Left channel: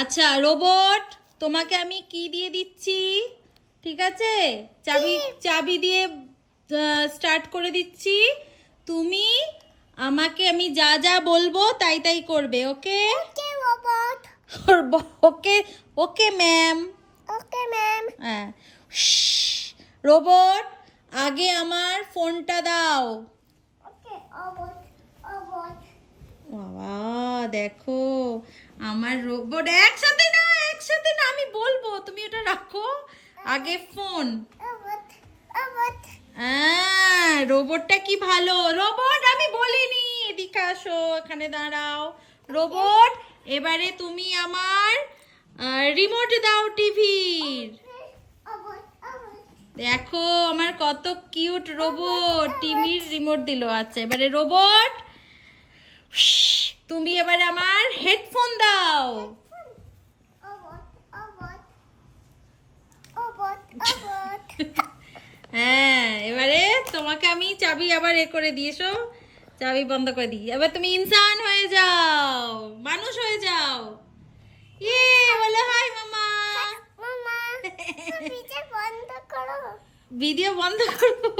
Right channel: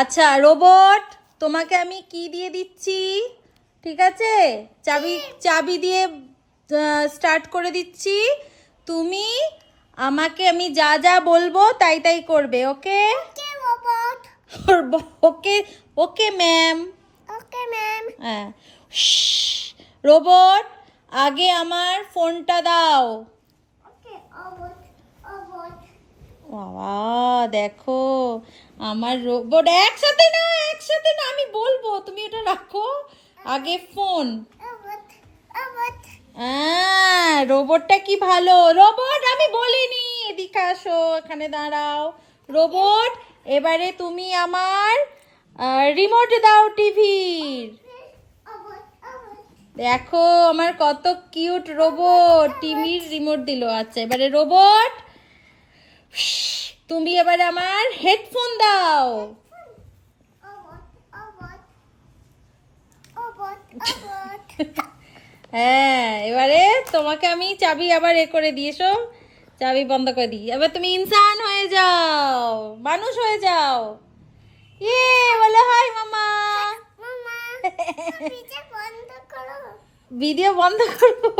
আচ্ছা রোবট, তোমাকে আমি কি দিয়ে দিচ্ছি? ঠিক আছে, চাবি চাবি দিয়ে স্টার্ট করে দিচ্ছি। তুমি আমাকে আমি যা যা বলবো তাই তাই করবে, okay? Okay robot. Okay. Okay ma'am. Okay ma'am. হ্যাঁ। রোবট, আগে আমার ফোনটা দাও। Okay robot. রোবট। বাবা দেখো, আমার রোবট একসাথে না, আমি বলবো, তুমি এটা রাখো। আগে ফোন। রোবট। রোবট। হ্যাঁ, রোবটটা কি ভালো। রোবট আমি বলিনি, এদিকে আসো, এখানে দাঁড়াও। রোবট, এবারে তুমি আমার রিমোট দাও টিভির। রোবট। রোবট। দেখো আমার কত কিউট রোবট টিভির রিমোট দিল। আচ্ছা এবারে রোবট, তুমি এবারে আমার হেডফোন দাও। রোবট। রোবট। রোবট। রোবট। হ্যাঁ, এবারে তোমাকে আমি চাবি আবার করে দিয়েছো, চাবি বন্ধ করে দিই। এবার তুমি ইনসান হয়ে যাও, মানুষ হয়ে যাও। ইয়ে, বলে হাই মামা। মামা ভিডিও বন্ধ করো। ভিডিও বন্ধ করবো?